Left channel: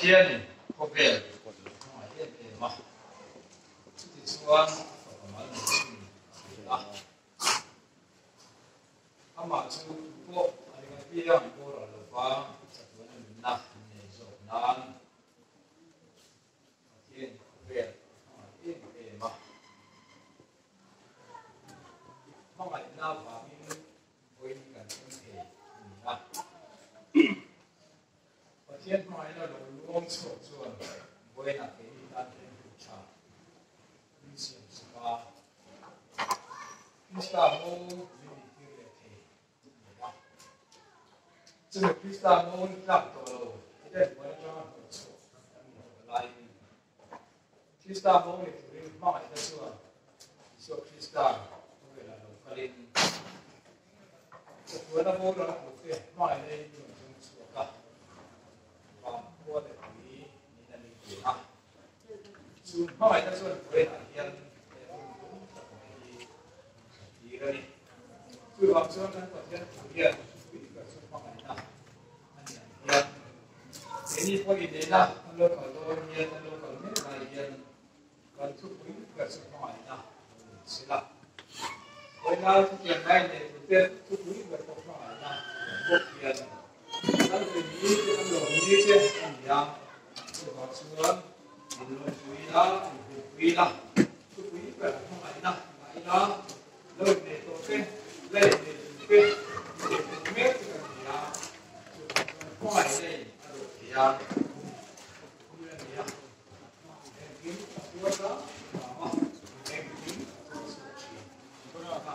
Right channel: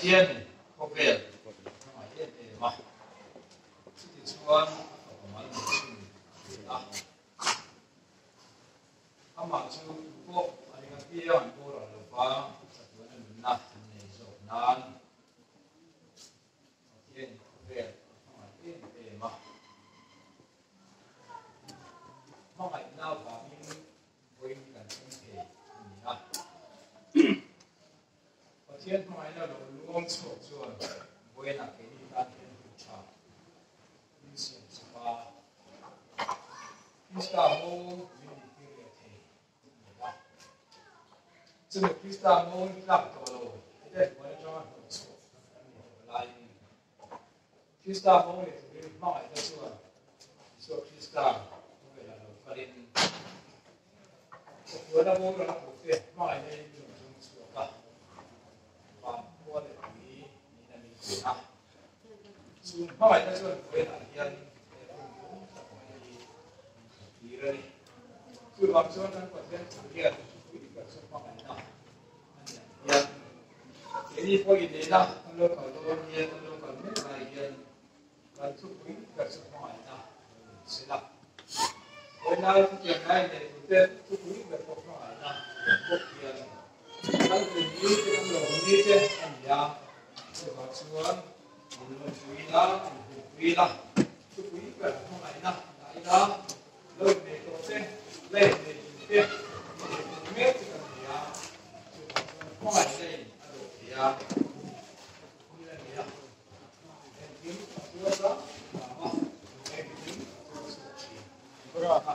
天不变，啊，也变嘛。自己说，我们啊，他马上不过，那个必要多了的话，这个人那你说难，天不变，啊，天变嘛。mà ngày nào và mình với cả thân thể à và trên mai là luôn sổ chuồn với là cái đan thêm hữu trà mình sẽ spa Krista mô mình đi về thể cho nên Krista mô làm tổ đồ cái đấy mới cho hữu sổ lại Krista mô thì mình mong là chuồn so Krista Kalin vừa là vô là một việc mà lại lên dùng sửa cả và mua để ý mình là mình sửa à dùng mà lại ta dùng với là nhân đi đây cứ bằng số năng vật nhân chủ hiện cứ cả số mà lại nào nhân thế thì có ý đấy là nó phải lo nhiên nó phải biết là nhân và chúc quý cả số mà lại nào sẽ làm với nhau chuyện này thì đầu tiên tôi quý được một hỏi là một tiền nó vì như thế nó đồ như thế anh nhà tôi học xuống thì nó quý đó tôi quý được không phải nào phải đó lên để tôi cái lên để tôi cái để tôi biết thì anh nhà không phải đây rồi thì anh như là gì ạ em quý tôi đó em quý tôi đó à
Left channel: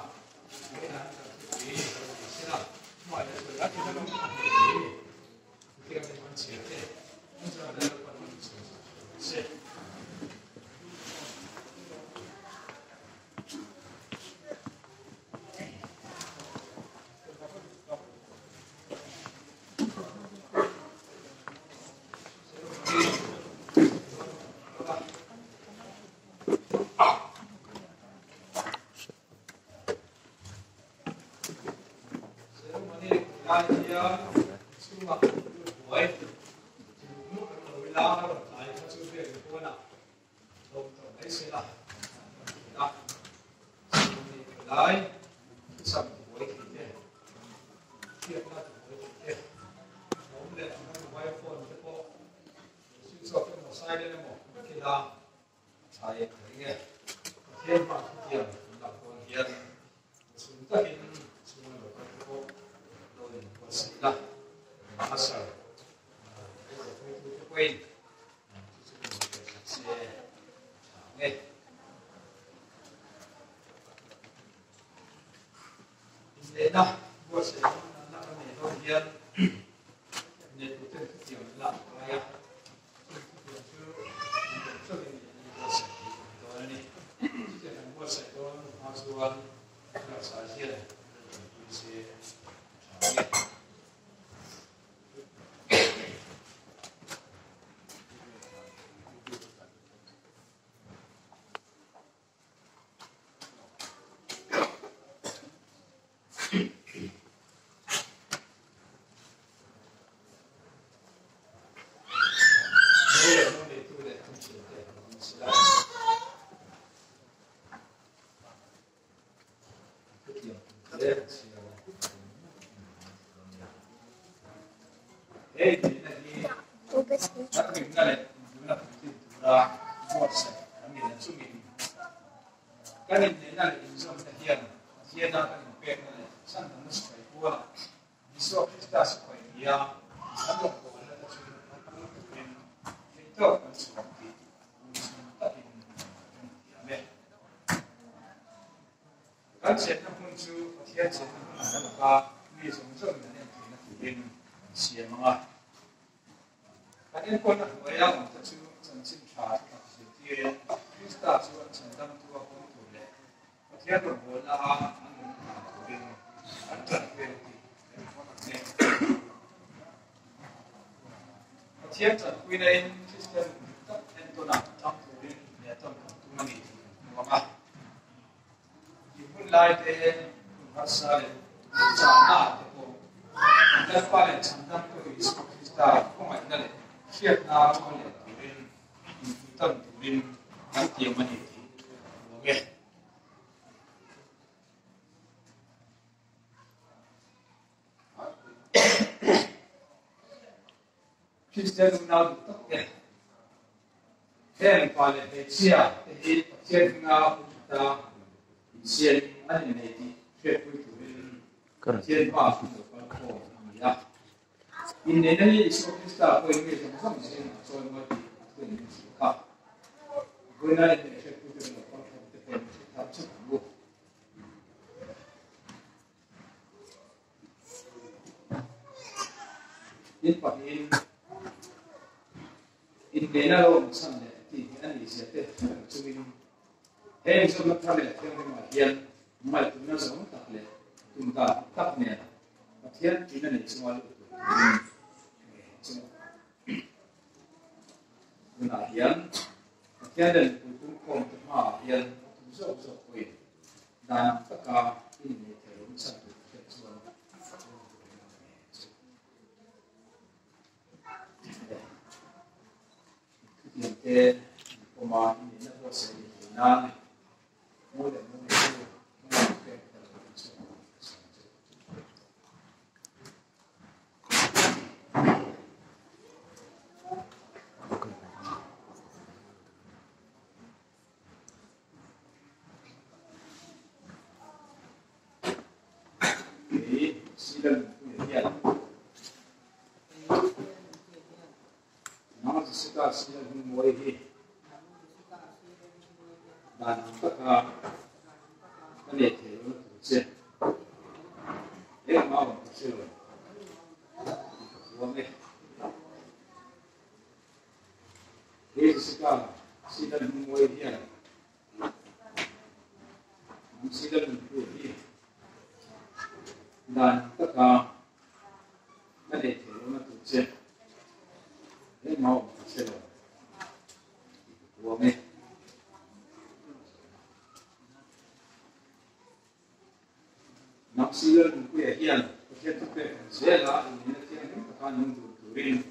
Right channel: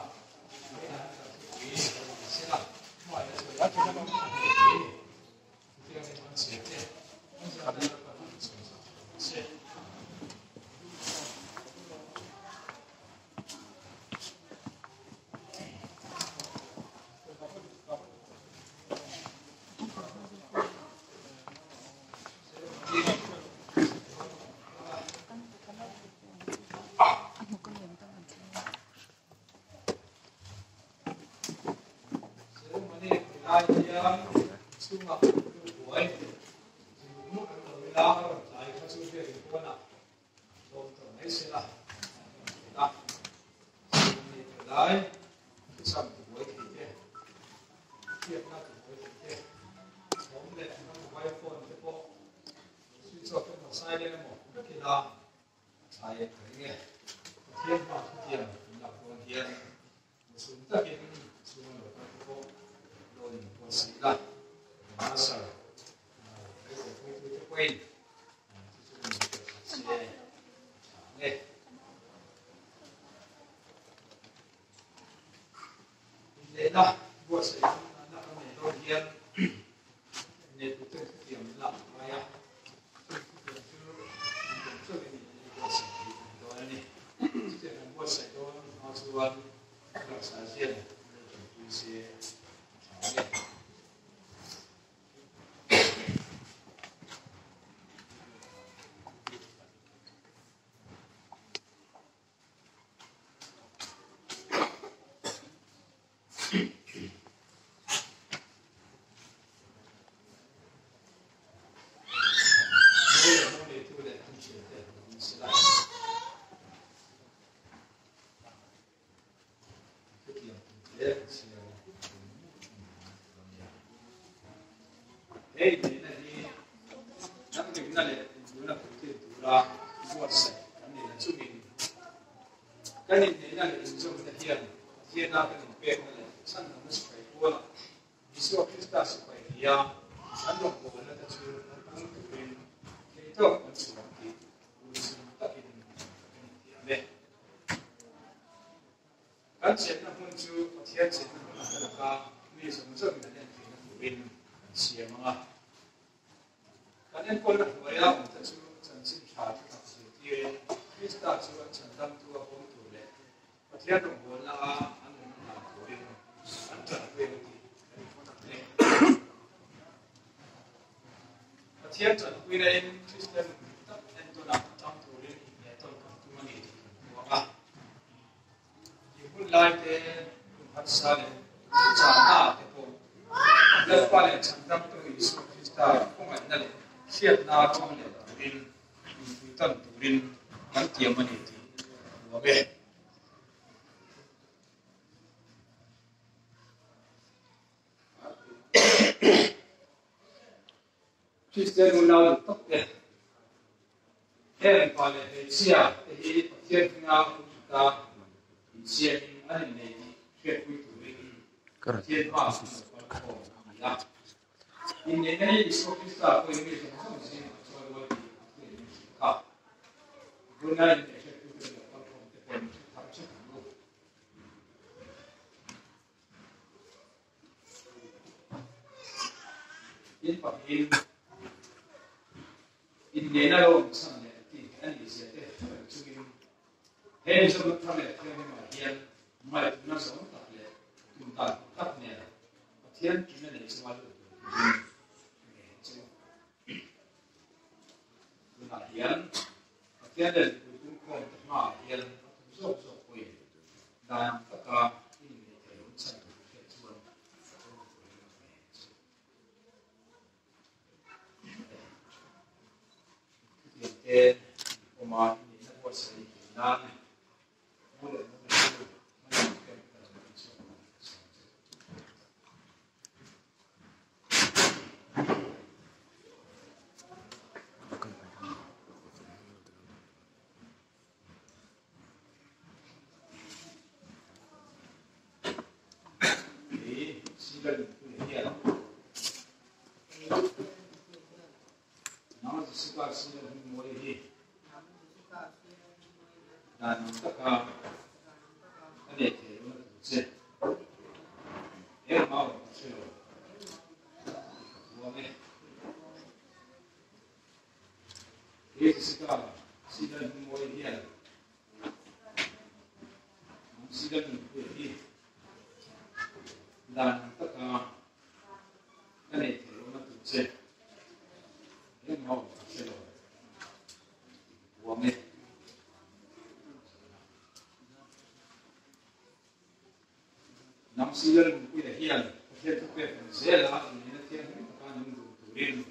Thiên trần quy lên system tất nhiên tôi nằm trong thủ đến để tôi cũng tu mình đúng không ạ? Thì hôm nay thì phát sinh trả na thì cô lên qua lên chẳng đâm tôi đi xuống Krista không phải là siết na trong này turin tâm turin gắn chiếm mà thì của về Christian nào được tốt đẹp em còn là chia thì trên nào ta trên anh này chuyện vui turin trên ba số con ya in này này Isopista tôi nghĩ rằng không sẽ cho nó được cả bữa nay này sẽ tôi được con cái thằng chấp hành in phát in này là lúc sáng này thì anh ấy sẽ thế chúng mình hay cho nó tham gia theo mà hiện mà nó giống tập lệ chúng ta tập này mà hiện chúng ta này chúng ta là hiện hiện đến cũng không mà hiện rộng rộng về đàn tất cả những người thầy cũng sẽ được cho hiện tại của mà những cái sự kiện nan mua được mua được dan taka ane te no tse e ma o tse lo me e sika sidan mo e dia sidan mo e dia dan taka ane te no tse e ma o tse lo me nam silan ku ya hian ke tu pe zela ni na tian ni ka nun du turin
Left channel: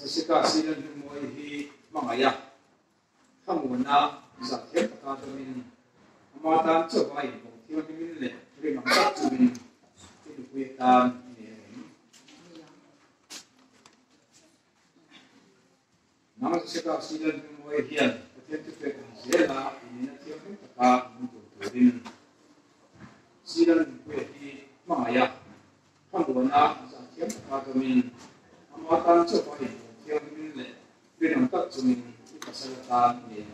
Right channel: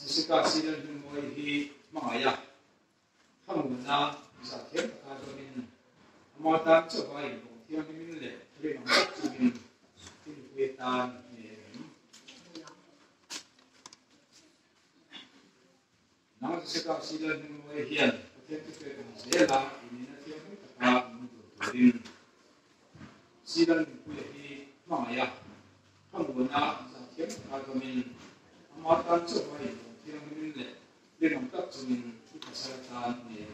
jessica silan ni mo hi mangaya hamuna za ke ka domin ma ta cho bai no tian ni le ri mang ta tu ni ti ku ya ta nam jessica silan ni mo hian Kita zela ini nanti orang tetap mentuturin sidan kuehi maya panggungan zakian kagamin amatan coba ini yang ini dengan tak cumin kesehatan ini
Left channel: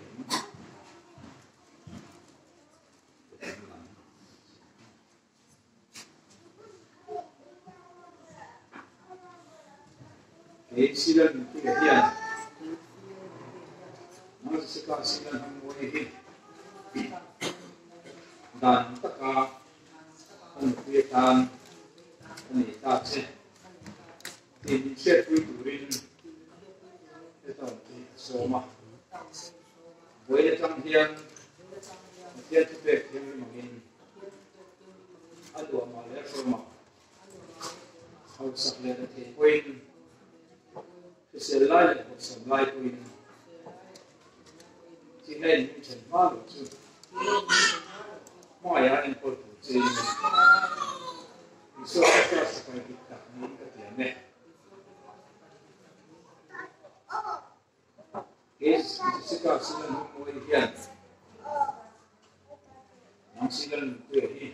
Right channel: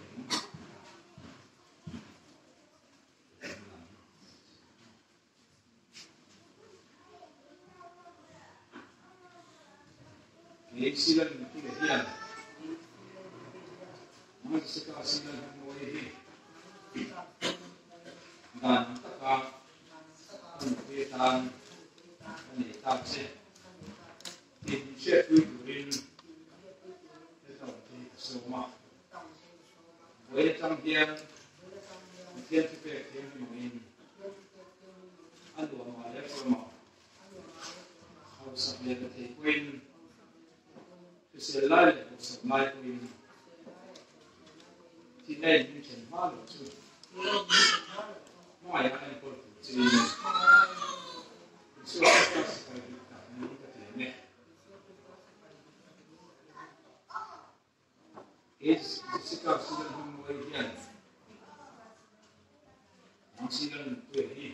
sidan kuehi Masih kasih dan mengurangi dan taka kegiatan wanita ini saya tujurin itu semua boleh campian dia juga yang mungkin ada amalan semua harus sampai ke poin keselai keselai poin thì nên những chuyện hoa được chứ mọi anh em có thể chơi số các sự kiện đặc biệt có thể này cái sự kiện sự kiện mới hiện những sự kiện tuổi đi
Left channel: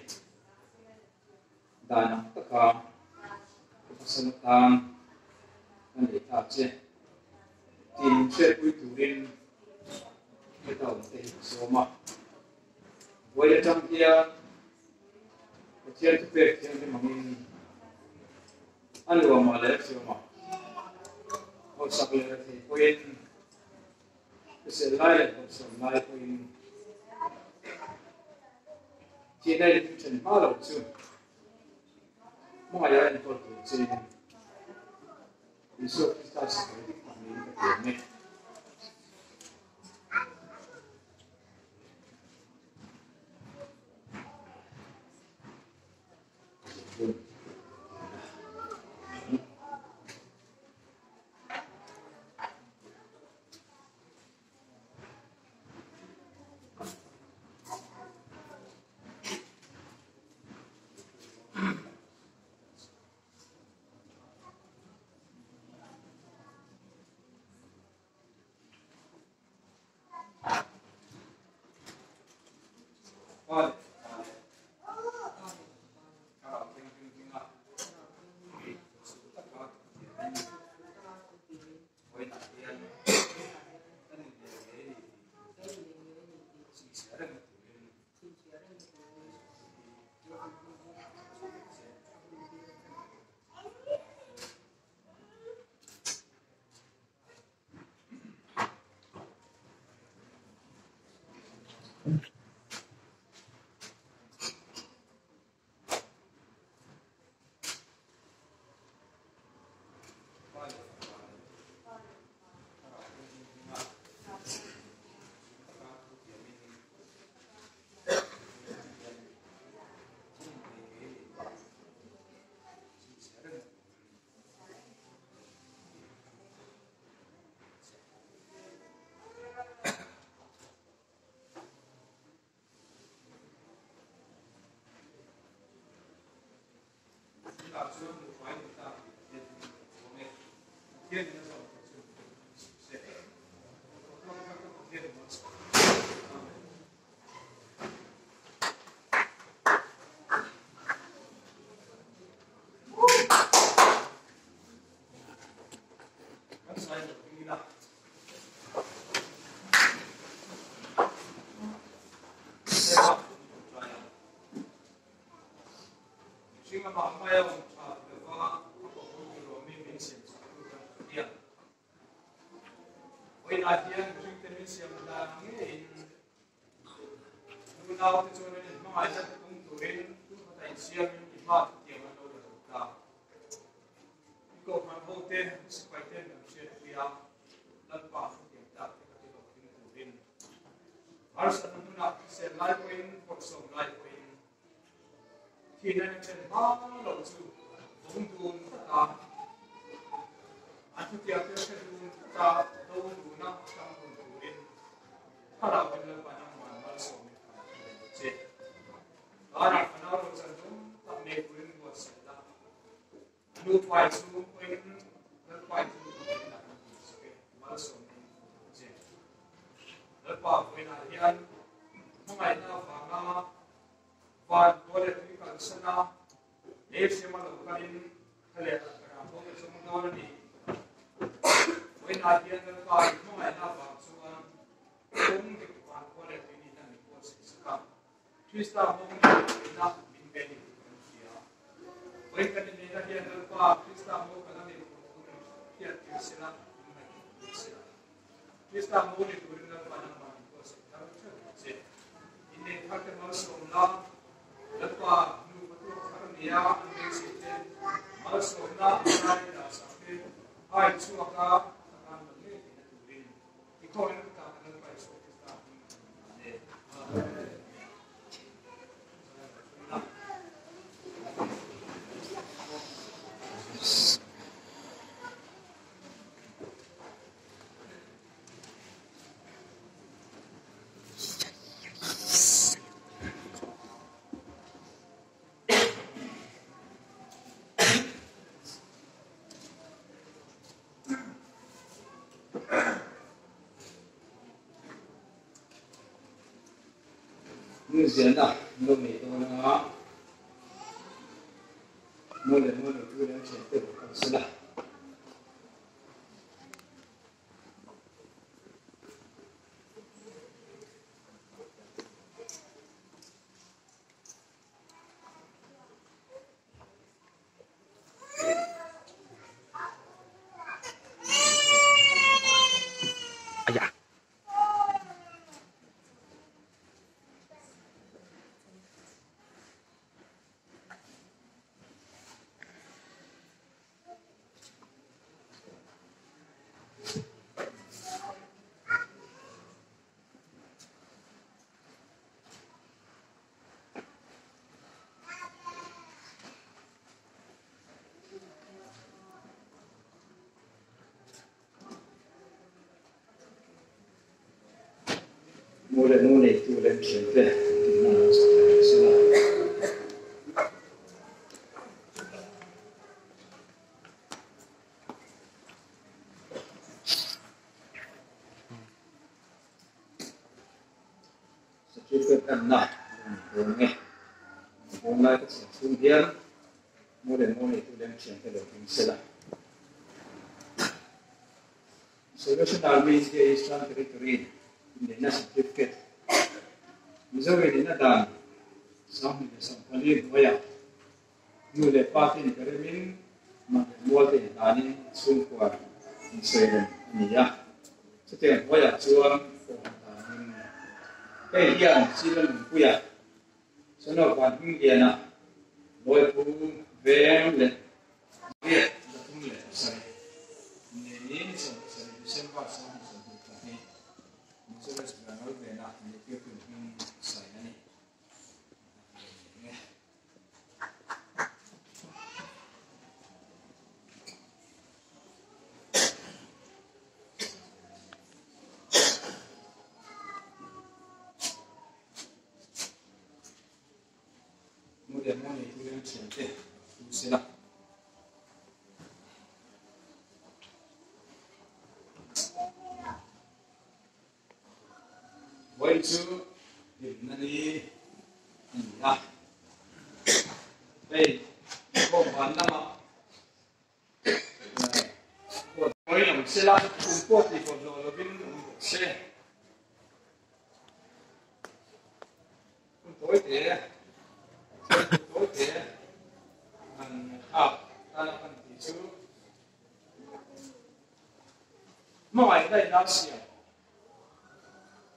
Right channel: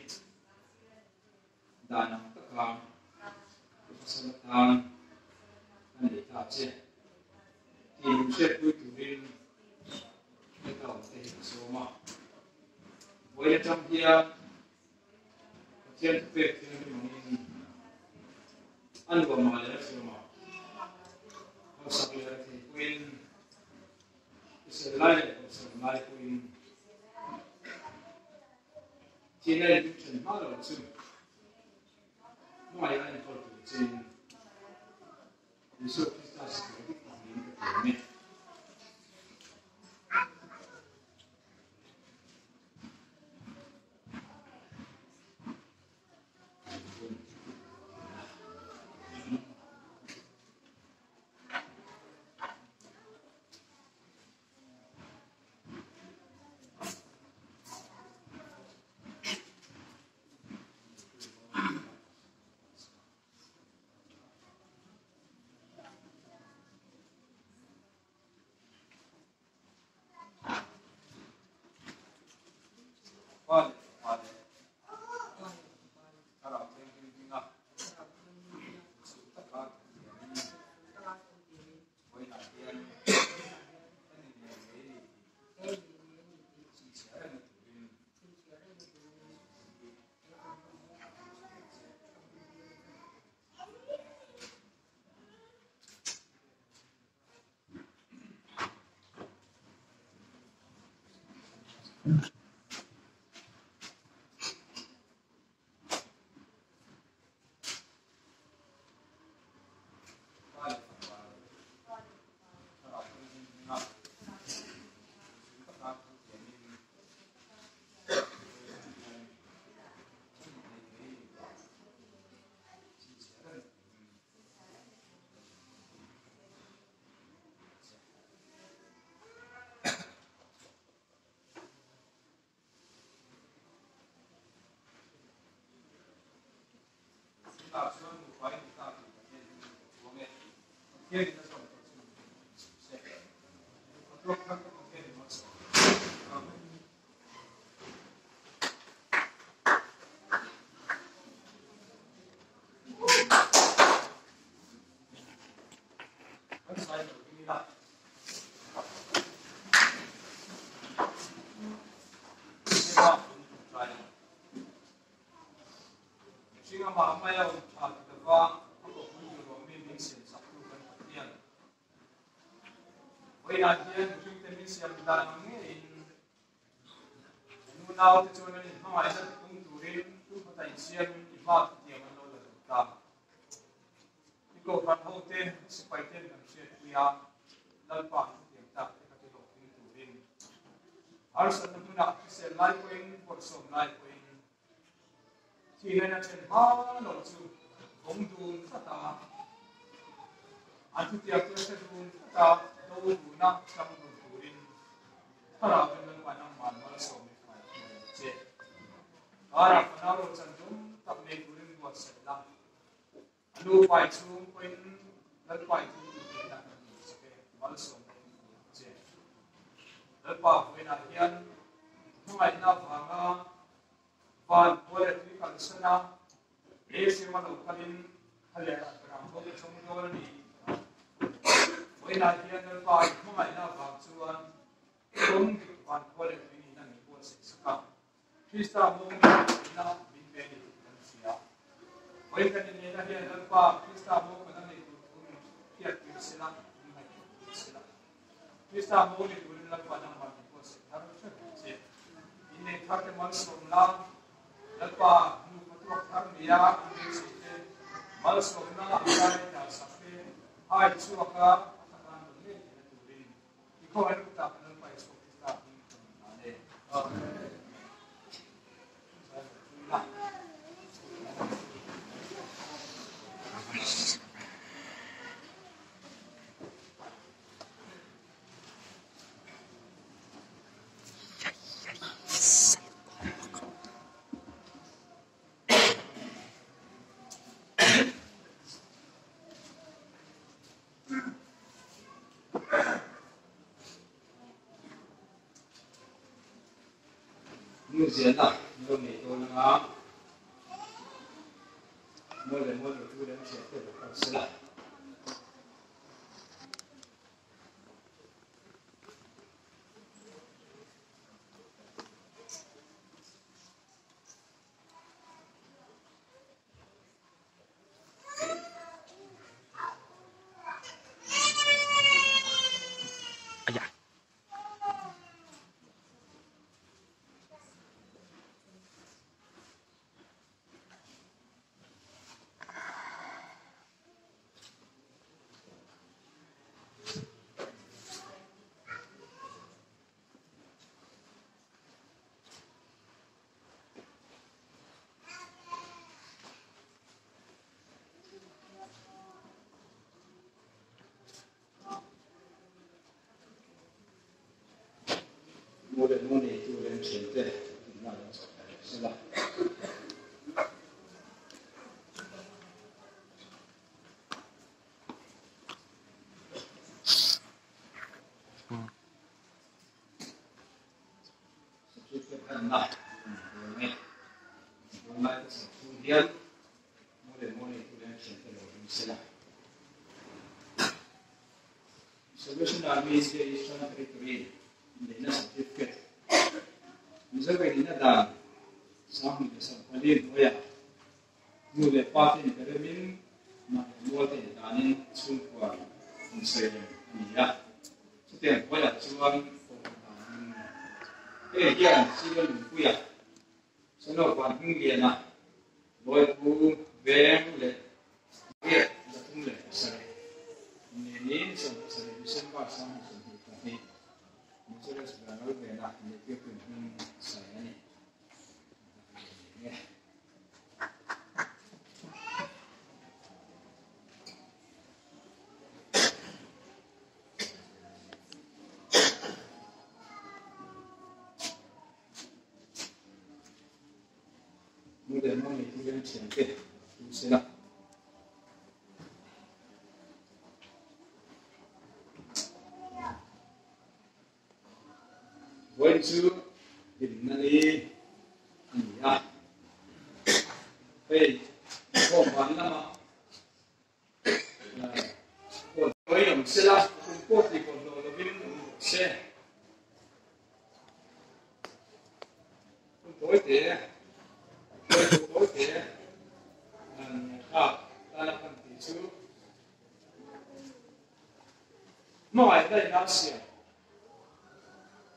đàn tất cả các sinh tăng nên để tạo chế tìm sẽ quy tụ lên kita untuk semua. Boleh campian, kecil tu yang dimangin anu amalan semua. Kalau sampai nanti poin keselai poin. Cina itu cuma malu tu. Mungkin yang important cina. Isu kita seperti kami ini. Vale, vale. Kalau tinggi nak, sudah kan? Boleh nak dia, kan ini sekarang absolut bermain kita uangnya dia di dalam untuk apa dia di mana kan saya beginilah saya Sehingga mama yang ada apa pun juga mungkin satu yang Oinatian mungkin siam dan ini nunau itu cuma ini mama ada tungguin tu kata siam imat yang mana ada tak iko kan hotel sepaiten yang siap dia lalpa yang tak kita tungguin harus ada puna sel live wing workshop live wing thì nên là trên ba đầu chú bóng đùn tất cả anh thực tiệp trên sẽ đùn tất cả đâu đùn nặng trong đùn đùn thà là mình lên bài năm hoàn nó sống để phải chết đó là phần nào chân đúng tập này của mình một sẽ làm lưu bài xuống quên lên bài thì mình đặt sẽ nó sống để chết lên bài với là hiện không phải nào và và boleh dikatakan sana ese melakukan hal yang terang itu semua ni boleh dia dapat mengenai bangsuan kemudian boleh ini dan itu sesuatu Krista mungkin tidak menjadi manusia boleh kan ini dia dapat Krista mungkin itu dia Krista Krista mungkin itu dapat nama itu harusnya ini hak manusia Lepas nu patuak karnia ini sih malsona ada sampai hai suaka tangan ini kita turin ikut orang kita kenal pai so kita ini ada như diễn đó nó này tôi nó ngáo nó là cứ đến sẽ tiếp tục sự là mulai itu dan sampai mana salah. Sekitar enam. đúng nghe hôm nay tôi sẽ thu hiếm mua để mua này tôi đem chuyển cái đầu tiên sẽ là Solution Army is the Eastern Territory in the National Certificate. Missouri in a dam, some Palin Hoya, Nule Party in Peremin, Multi Dani, Sunqua, in Sweden, Nia. So then Hoya Chuan, Hey, here, Sivan Puya. So no one Indiana, Boy Poo, Vem, here, the Tumle, sorry. Ini December sama seperti ini. Mungkin sekarang kalau benar ini dia pun saya ni. Mudah-mudahan itu yang sedikit sudah. Going to Himnali, yeah. Hey, come on, Nama. Going on, Silla, Pumporti for the Lovin, say. Tối there, tối there, and up, Tanapan Tisu. No, I like last year.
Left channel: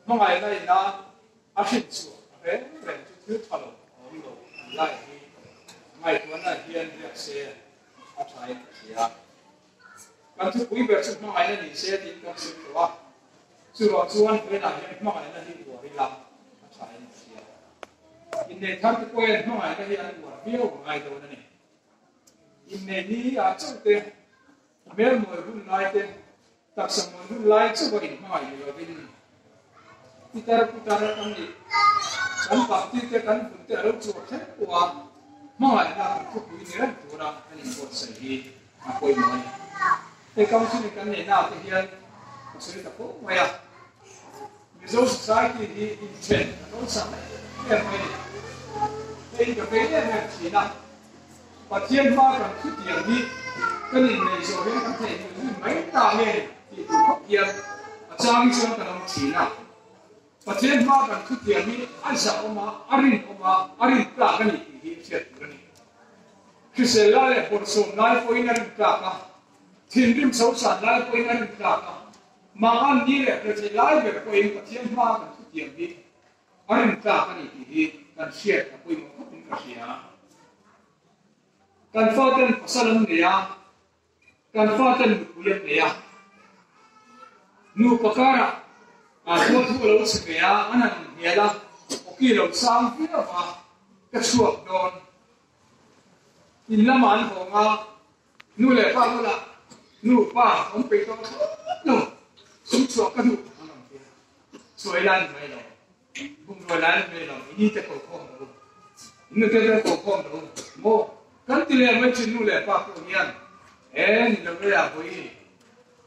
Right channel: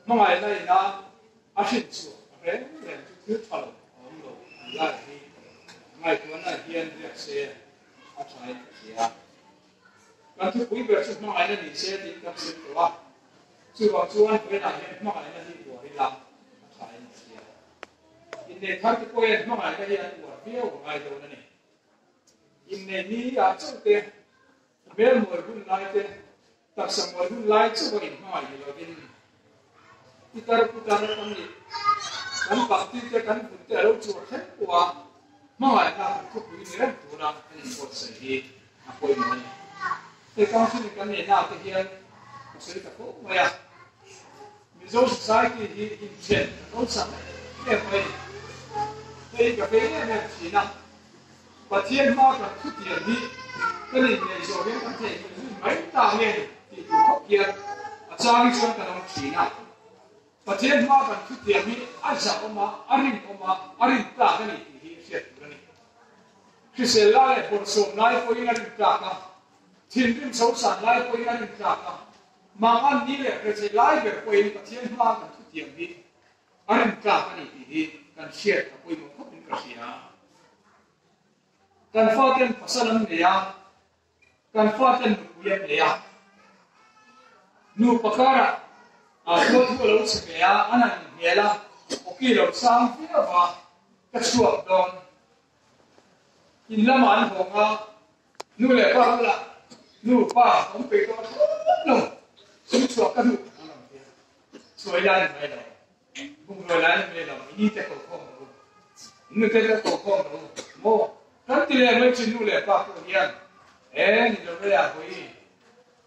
Mọi người là áp dụng số, về thứ thảo ông đồ lại đi, ngày tuần là hiện việc xe áp sai xe, còn thứ quý việc chúng mọi người là đi xe thì các xe đó, chú bảo chú anh về là hiện mọi người là đi đùa đi làm áp sai xe, in này thằng cái quen mọi người là đi ăn đùa phiêu của ngày đầu này, in này đi ăn chỗ thế, mấy người cũng lại thế, các sản phẩm cũng lại chỗ cái mọi người là đi putar kami kan pakti te kan punte alo chu khat wa ma na ku pu ni ran tu na ani ko sai hi a koi mai te kam chu ni kan ne na te hian sai ta ko ma ya ni zo society hi in chen no sa ne mai te ka pe ne ne chi na pathian ma kan khu tiang ni kan ni ne zo he kan te ni mai ta ne ti ku khop kian a chang chu kan ong chi na Patien ma kan thu tiang ni aisa oma arin ka kan ni hi set kan ni kisela le por so nai po ina rin ka ka thin rim so san lai po ina rin ka ka ma an ni le ke se lai be po in patien ma kan thu tiang ni arin ka kan ni hi kan set ka po in mo pin ka sia kan faten pasalam ne ya kan faten buya ne ya nu pakara Aku tu kalau sekaya anak ialah okey lo sang kita apa kesuap don inlaman honga nu le pa la nu pa om pe to no sum suap kadu soi lai mai lo bung soi lai mai lo ni te ko khom lo nu te ko khom lo mo kan ti le mai chin nu le pa ko nian ni lo ya ko ni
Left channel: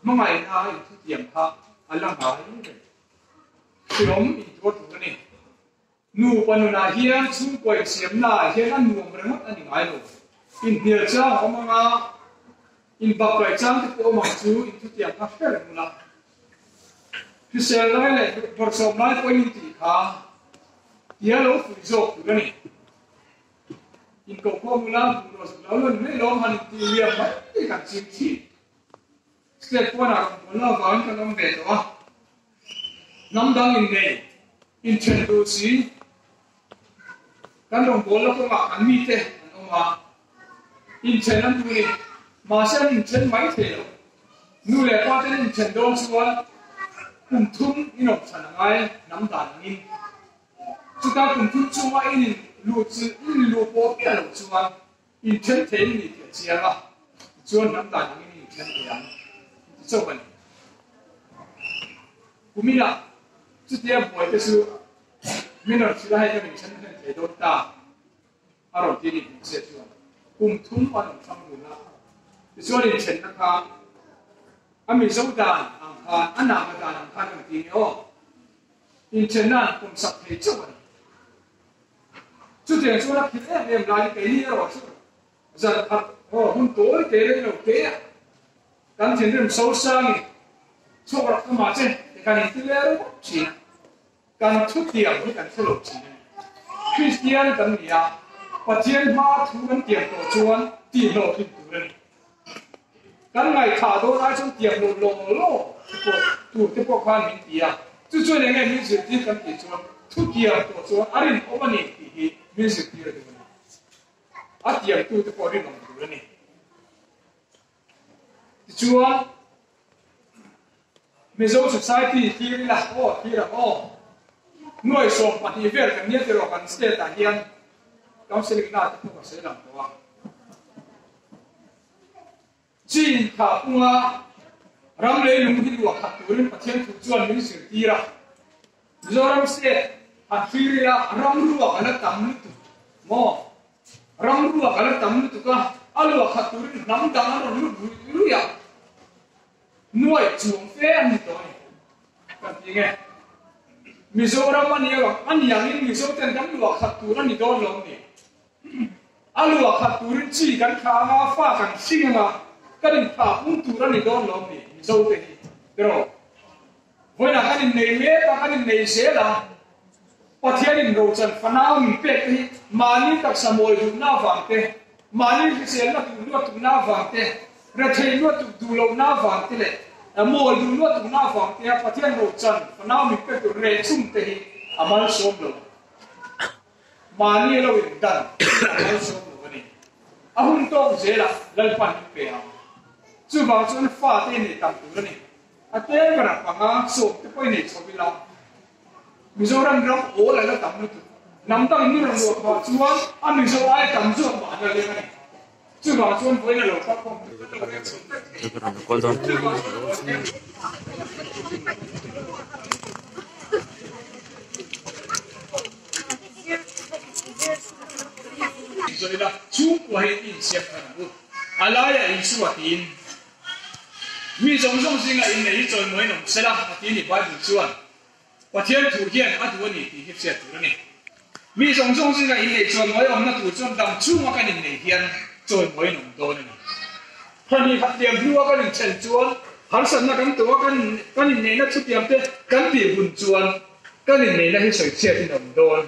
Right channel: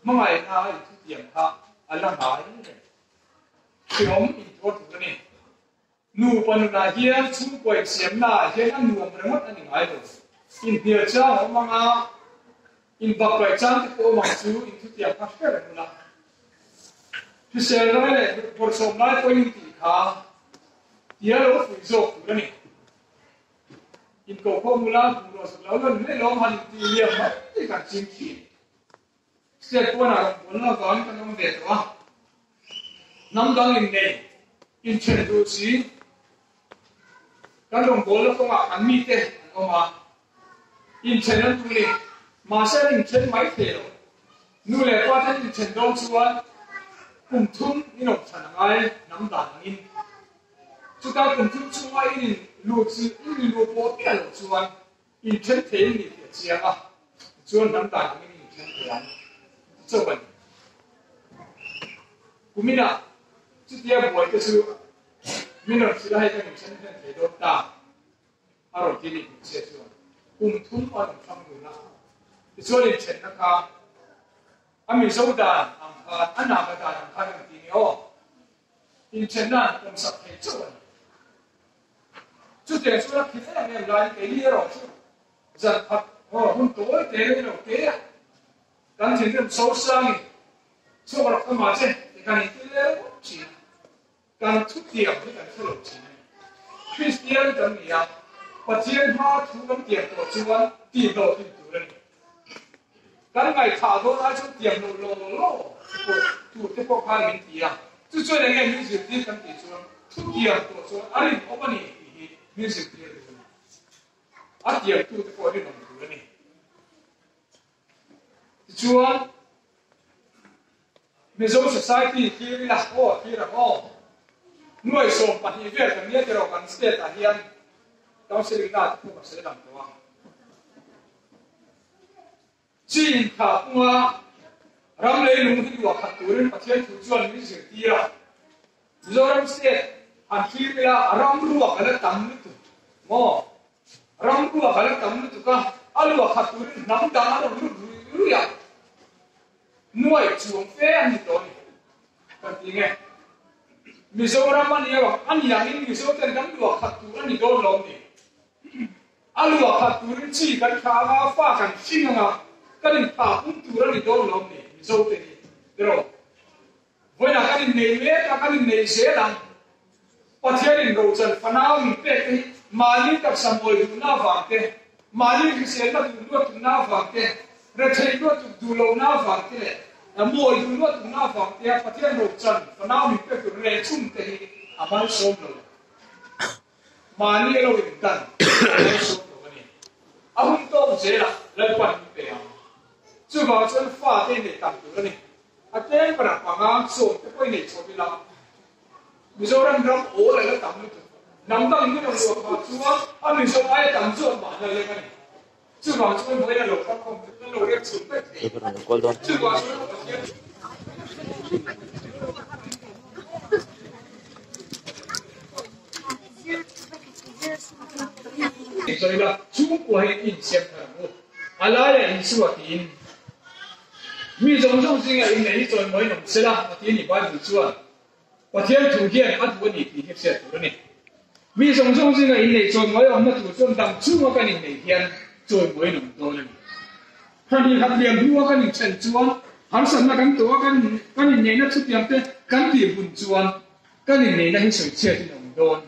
mai na ai tu tiam kha alang hai ni Siom in tuat ni, nu panuna hian chung koi siam na hian an nuam remot ani ngai lo. In hir chang omanga in bakai chang ti ko mang chu in tu tiang ka fer mula. Hisel lai le por som lai ko in ti kha. Ia lo fu zo ku ni. In ko ko mula ku lo lo me lo han ti liam ma ti kan chim chi. Step ko na ko na van kan om be to Nam dang in này in chen du si kan dong bol ko ma an mi te an ma in chen an tu ni ma sa in chen mai te lo nu le pa tan in chen dong chuan kum thum in ok chan ngai nam dan in chu ta kum thum chu ma in lu po pia lo chuan in chen te ni te chia la chuan nam dan in chen te an chu ban kumina Chút tiếp buổi cái sự mình nói chỉ là hai cái mình chân thân để đốt ta, ở đầu tiên mình sẽ chọn cùng thúng vào trong trong người nào, cái số này chân nó cả, anh mình sâu ta, anh nào cái ta làm khai mình tin nhau, in chân là cùng sắp hết chỗ rồi, chút tiền số là khiến em lại cái gì rồi chứ giờ thật hôm tối cái đấy đâu cái à căn chuyện điểm sâu sang số là không mà chứ cái này thì là chỉ căn chút tiền với căn số chỉ Christian căn gì à và tiền mà thu căn tiền tổ chuan tiền lộ thì thu lên căn ngày thả đôi ai trong tiền lộ tu cái bộ quan mình tiền chú cho nên nghe music tiền căn tiền chuan thu tiền tổ chuan anh em ông anh thì music tiền được à tiền tu cái bộ đi làm được này chuan Mizo society thì là nuôi sống bản địa việt cái nhất rồi còn state tại hiện council na cũng có sẽ làm qua chỉ thà qua ram lấy lùng hin luộc hạt turin phát hiện phụ chuẩn những sự tira Mizoram state hạt phi là ram luộc là tầm nước mò ram luộc là tầm nước cả aluộc hạt turin nắm đắng nó lú ya nuôi chuồng phê anh tôi cần gì nghe Mizoram anh yêu anh yang in Mizo tên gắn luộc hạt turin anh đôi lòng nè aluộc hạt turin chỉ gắn khá mà pha gắn xin mà cái đình phá cũng turin anh đôi lòng nè Mizo tên rồi với là cái đình này mẹ cái đình này sẽ là bắt theo đình đầu chân phá nào mình biết thì mà những các sa mồi đủ na vàng thế mà những cái xe nó đủ na vàng thế rồi thấy đủ lâu na vàng thế này mồi đủ na vàng thế bắt theo đầu chân phá nào mình biết đủ rẻ chung thế à mà sống lâu mà những lâu in đàn mà sống lâu này à hôm đó sẽ là lần quan cái nào chú bảo cho nó phá thế này tạm đủ này à thế cái nào mà sống cái này cho bị lao Mizoram ram all là tạm được nắm tăng như là luộc họ chúa anh mình số ai tạm ruộng bản là lên này chưa bảo chúa với là luộc không luộc em xuống đấy chưa bảo rồi là chú của hệ in xem thằng alai là in suy tin mi giống giống sinh là in này rồi mới nằm sẽ là tin thì bao nhiêu chúa và thiên thủ hiện ở chỗ này thì sẽ thủ này mi song song sinh cái này cho mấy ông nó thủ cho đam chú mà cái này hiện rồi mấy nông thôn này hắn đi khắp điểm đua cái này chân chuan hắn sẵn là cáiตัวcái này nó xuất điểm thế cái điểm bùn chuan cái này là cái sợi chia thì nông thôn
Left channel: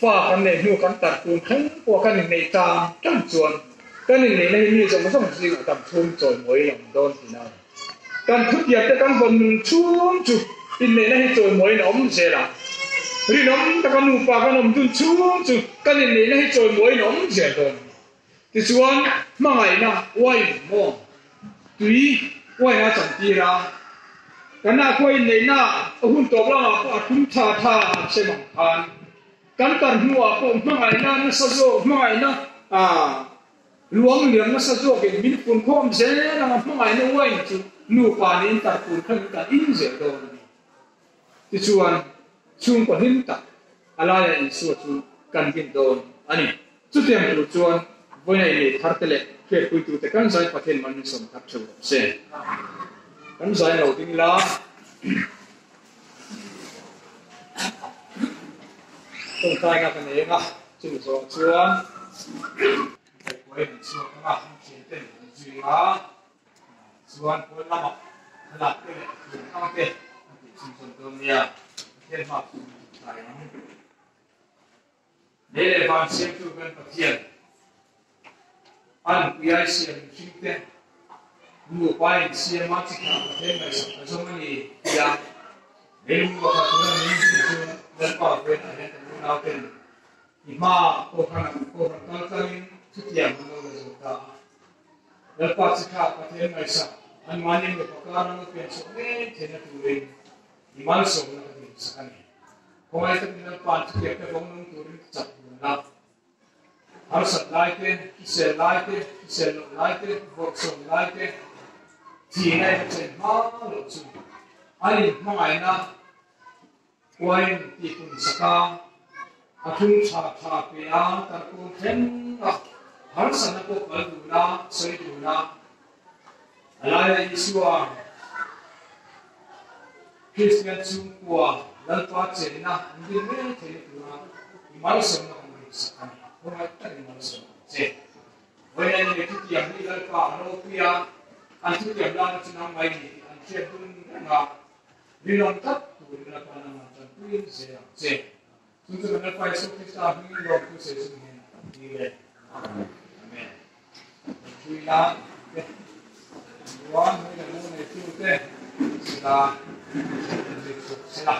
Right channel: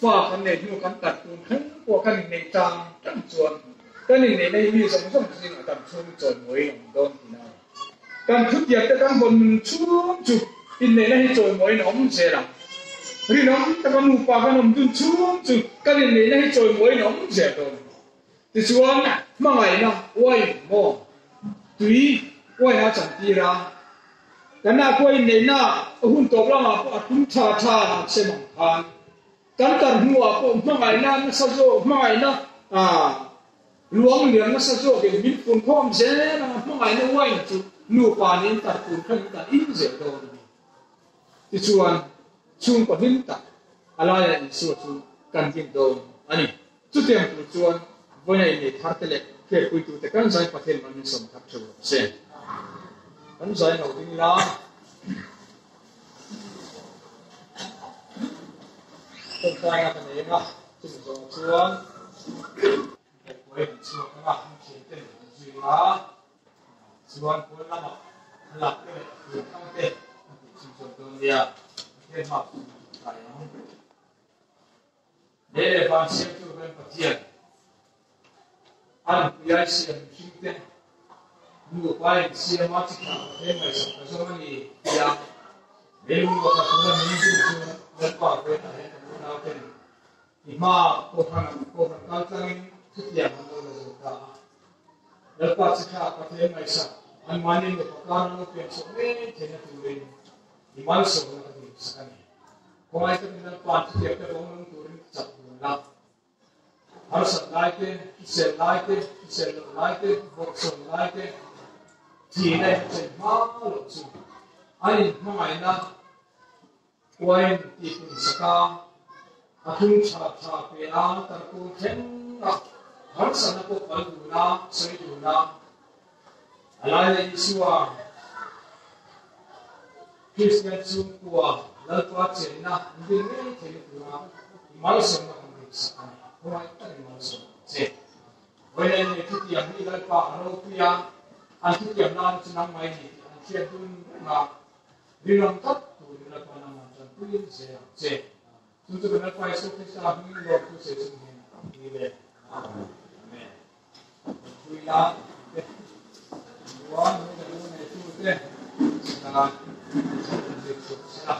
pha cái này nuôi cái tạt bùn khánh của cái này ta trăng chuan cái này là mi song song sinh ở đam thôn rồi mấy nông thôn thì nào kan thut ya te kan bon chum chu in ne ne choi moi nom se la ri nom ta kan upa kan nom tun chum chu kan in ne ne choi moi nom se don ti chuan ma ngai na wai mo tui wai a chang ti ra kan na ko in ne na hun to la ma pa tum tha tha se mang han kan kan huwa ko ma ngai na na sa zo ma ngai na luang liang na sa zo ke min kun khom se na ma ngai na wai chu nu panin tar kun khan ka in je do ni ti chuan chung ko hin ta alaya in su chu kan tin don ani chu tem tu chuan voi nei ni thar tele ke pu tu te kan sai pathen man som thap chu se kan sai no ding la tong tai nga kan e nga chu so chuan voi chu nga chi te ji la Suan pun lama lap ke lukang ke contoh dia dia mak sayang dia lepas siap tu kan kecil an biar siap cinta dua paling siap mati dia macam macam ni dia dia buat apa minggu tu lepas dia ada tahu kan ima kohan kalkan setiap minggu kita lepas kita pakai macam an mani mo pagkaran mo penso eh tena turing imal so na kami sa kanya kung ay ito ng pantikip na kung nung turing sa kanya harus at laite isel laite vokson laite tina ito malo so ay mga ina kuwain tipon sa ka atong sa kaya tarkong ten harus na po kaluna sa ituna alaya Yeshua Christian sungkua lalpa chenna indin thele tura malsom na kong sakani hoai ta malsom che when the two young lalpa ano kuya antu yang lang chenang mai ni antu dun na binon tat tu lalpa na ma tan tu che tu lalpa so krista mi lo ku se se ni le amen kuya one mu ne tu te sila sila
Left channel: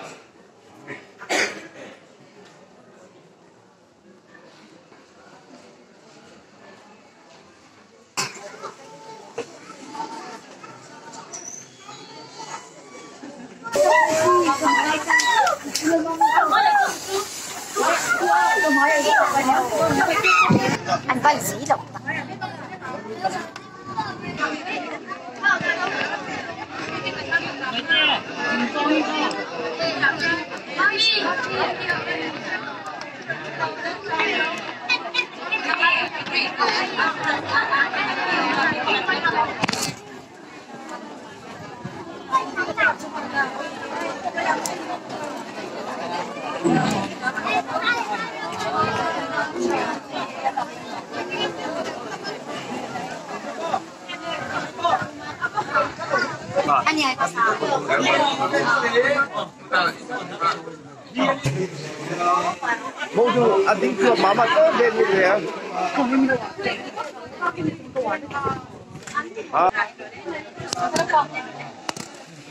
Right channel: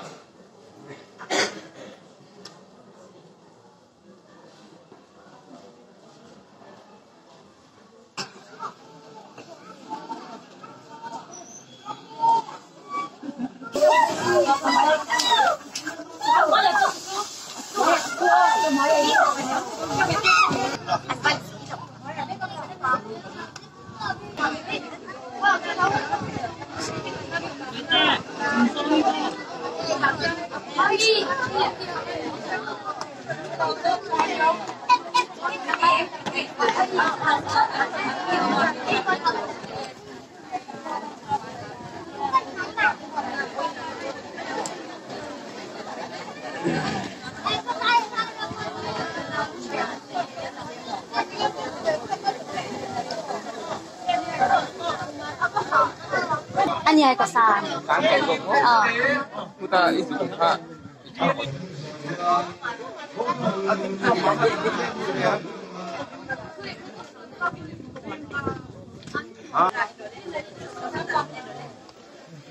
anh có sĩ động anh nhớ có sao Bonjour, I think Mama came here.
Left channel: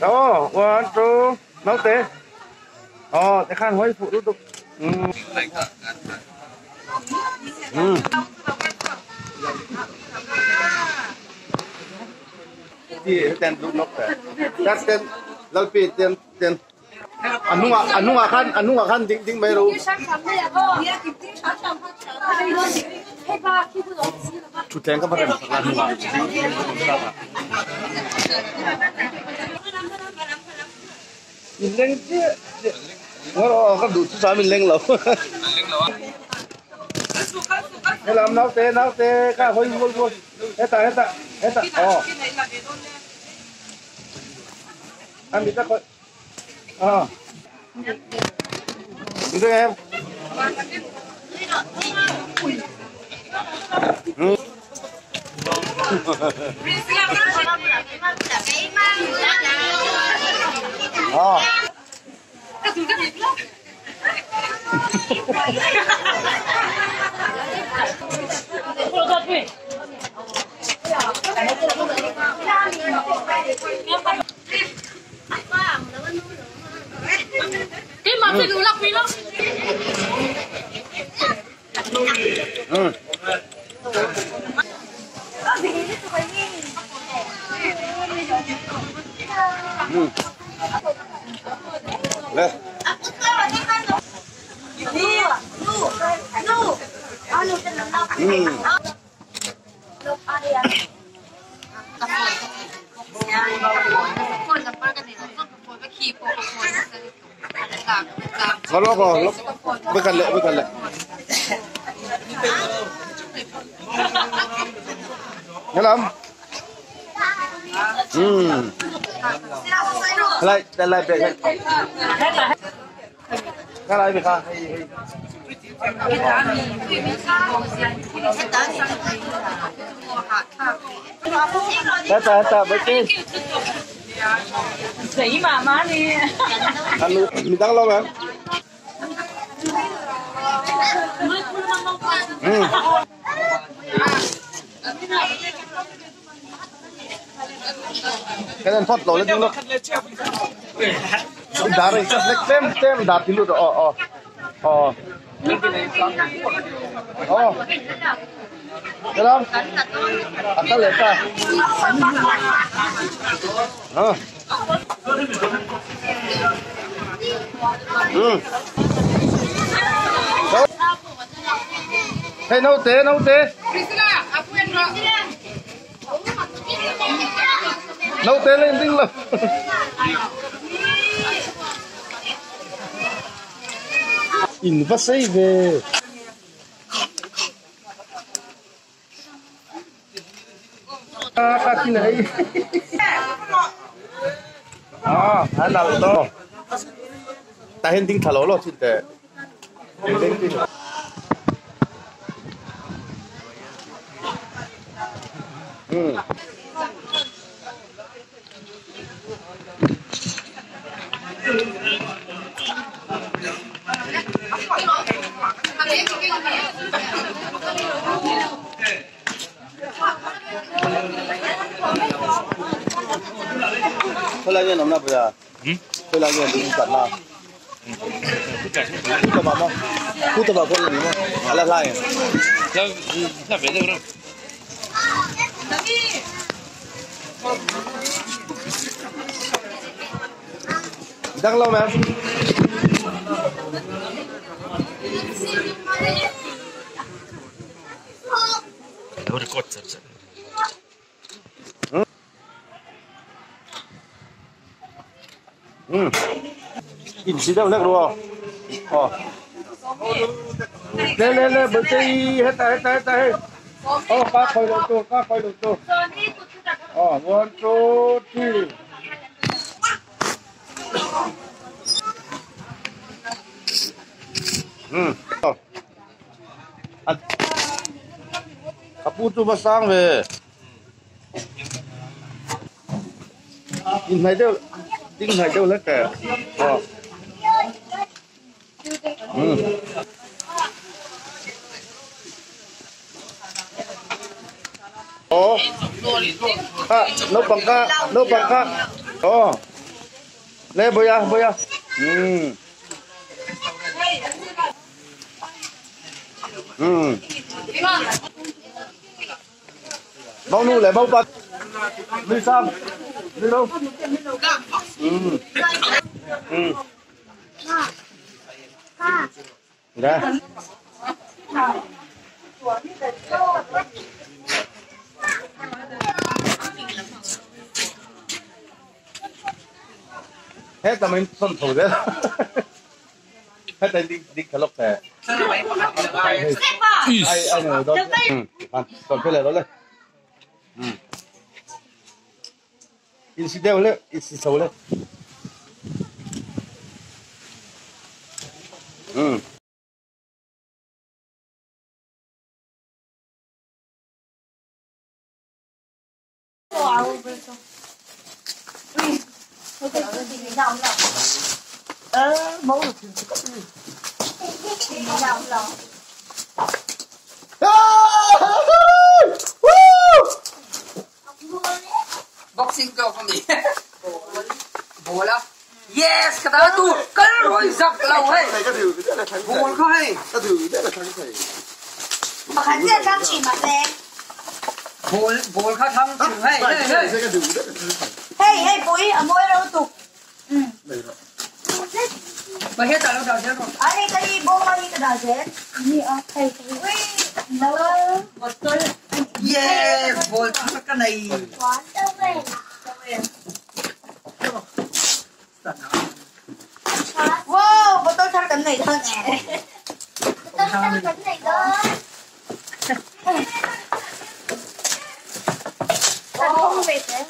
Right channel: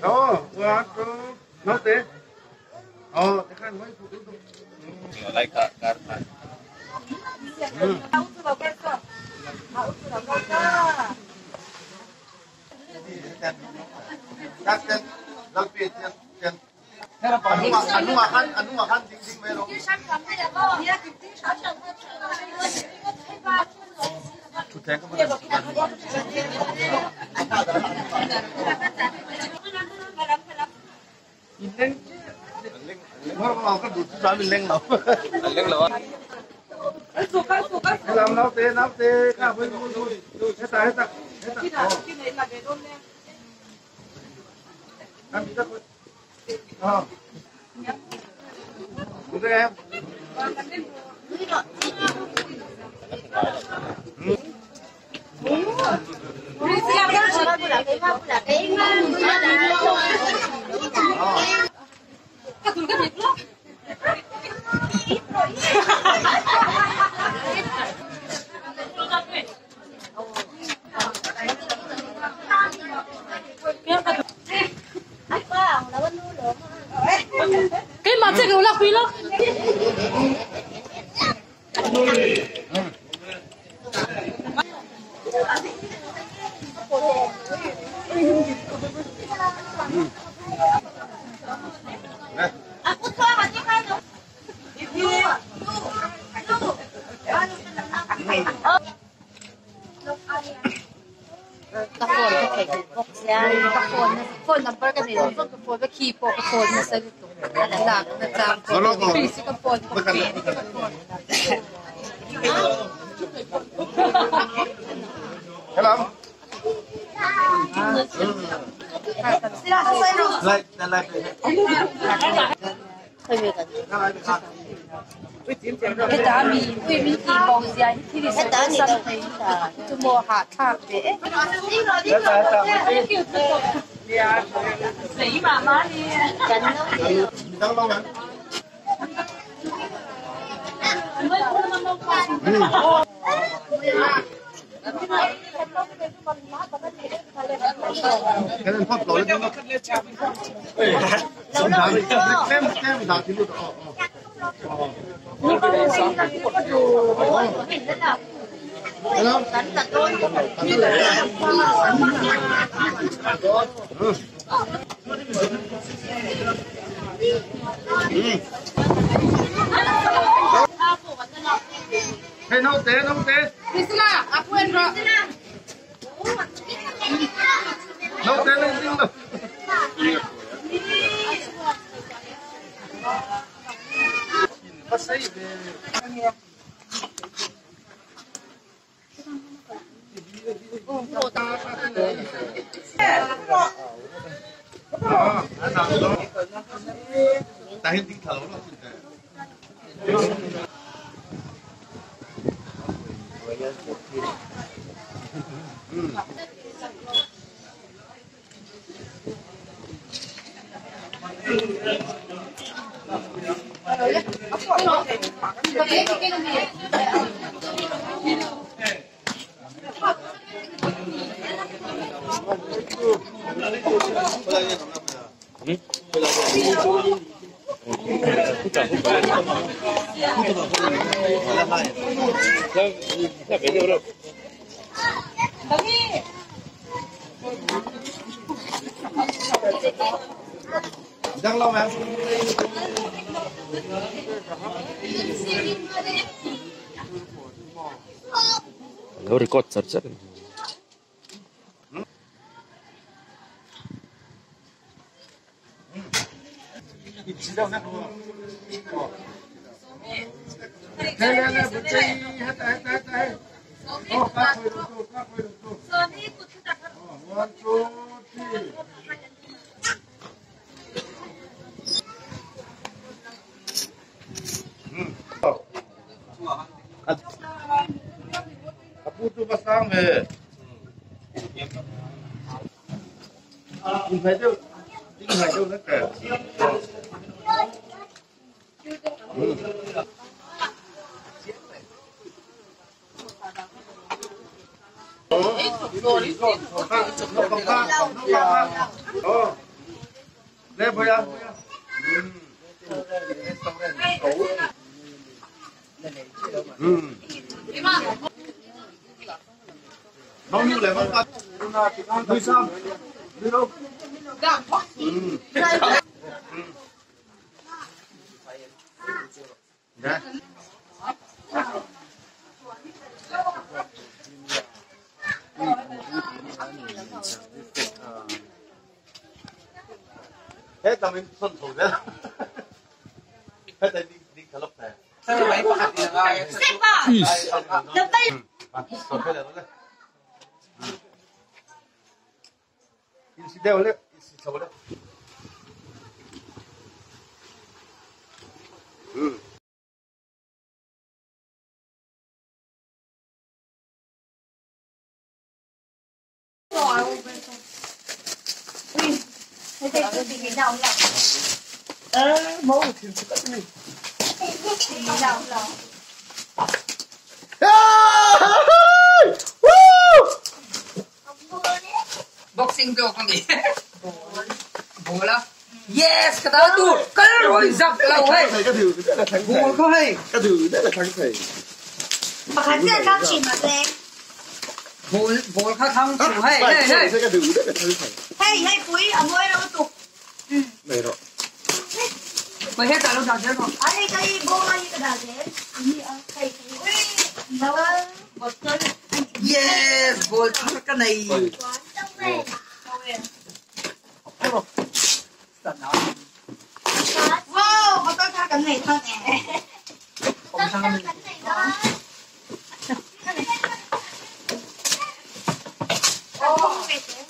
Đó, one, two, nói thế. Để khăn hỏi phụ tục. Thì tên lúc nóc thế. Các tên, lâu pì tên. Anu akan ding baru. Cuteng kan pakai Mileng je. Orang kan dulu saya mileng loh. Làm nấu tê, cả hồi hết ta. Anh đi ta coi. Được em. cái mà chơi cái lọc phi nó Lên.คนน้ำปลากันเนี่ยต้องไปขี่โปะคนมาซื้อหลักนะจ๊ะ Mà nó còn với cần lệ. Nghe không? Lại đây. Cái này bị sao? cái đó mình bông giấy thì sẽ đỡ gì đâu tôi mua hạt thảo để Cái ta với kia. thấy mà má đi Mình đang lâu không? Cái này phát lỗi nó. Ông đá đi, tem đá thì luôn rồi. Cái này xong. Được không? Ăn nó lên ta. Hey, nấu té. Priscilla, aku yang dua. Nấu té lên tinh lên. Invasive. Kaki này. Hả nào đó. tahin ding thalo lo chin te Thôi là nằm nào bây giờ? Thôi là người đi vào. Hút vào không? Hút vào cái gì nữa? Làm lại. Nó về đâu đâu? Đang lâu mà. Nó record sắp sắp. In si đâu luôn lên bữa chơi hết tay ba khơi được tô one two three Kaputu basang về in này đâu đinh này đâu lấy kẻ nó bằng ca lên bơi à bao nhiêu lại bao bát nuôi sam nuôi đâu đây hết tao mình xong thủ đấy hết tay đi cả lúc thế ai nữa đó còn cái này đó lên in si đeo lên in si sâu lên Mẫu thì có gì? Boxing ko kami. Bola. Yes, cái đó tu, cái rồi giật lâu ấy. Bùa có hay. Cái thứ đấy là thằng thầy. Mà khán giả đang chỉ mặt đen. Bùa khó thông chủ hay. Cái thứ đấy là thằng thầy. Hey, bụi ở môi đâu tục. Này rồi. Mà hết cả lúc nào chết rồi. Ở đây cái bố là như thế nào chết? Như ở thầy. Ui, đâu. Một cái. Yes, bùa cái này. Quán đâu về. Wow, có tôi sang cái này hơn nè. Tôi sang cái này đó. Không về thế.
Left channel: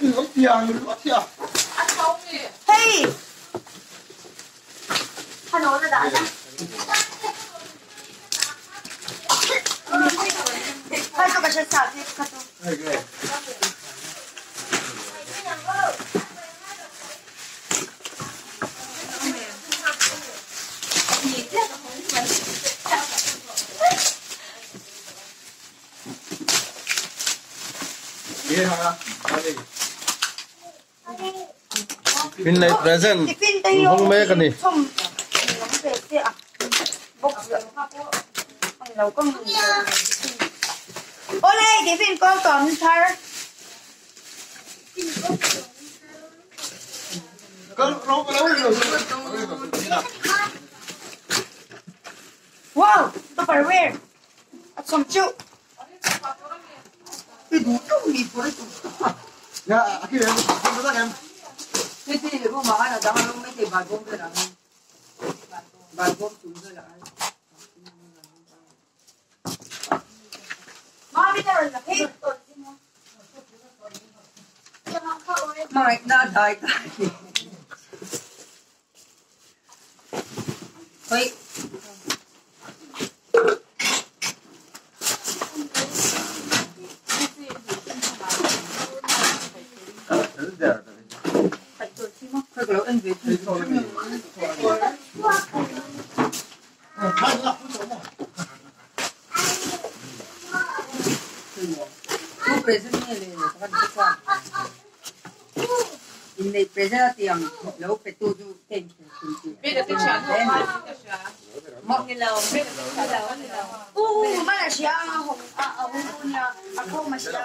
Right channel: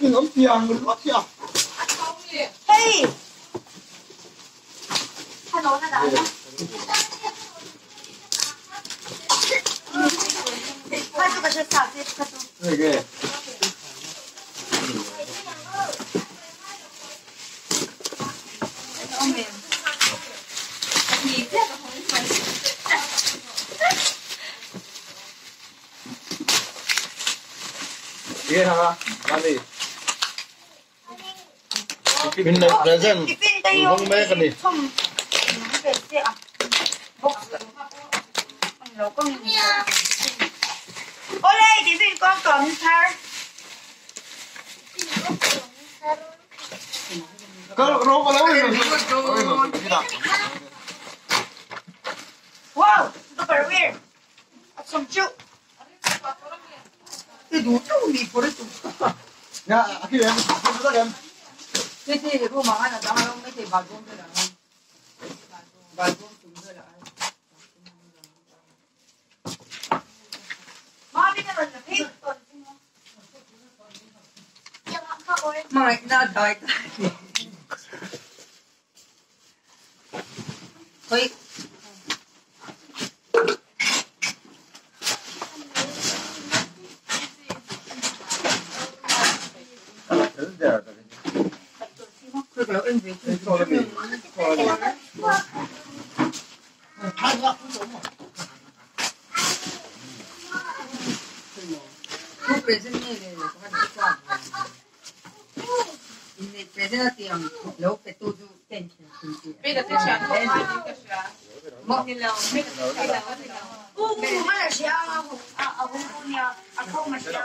Đừng có tiền. Hey. Hắn nói ra đã. Thôi tôi phải xả đi. Này kìa. Iya hả? Ăn đi. Pin này present. Không mê cái này. Ôi đây, cái phim con còn thar. Wow, tôi phải wear. Không chịu. Cái đủ chung đi của đấy. Dạ, khi em nó ra em. Cái gì để cô mà ăn là đang ăn mấy cái bài công thôi là bài công chúng thôi là Má biết đâu là hết tuần. mà lại ra đời thôi thôi kiểu anh về thì tu present ni le kawan kita ini present tiang lo petu tu ten Beda tu siya. mo Nilaw. Nilaw. mana siya ako masya.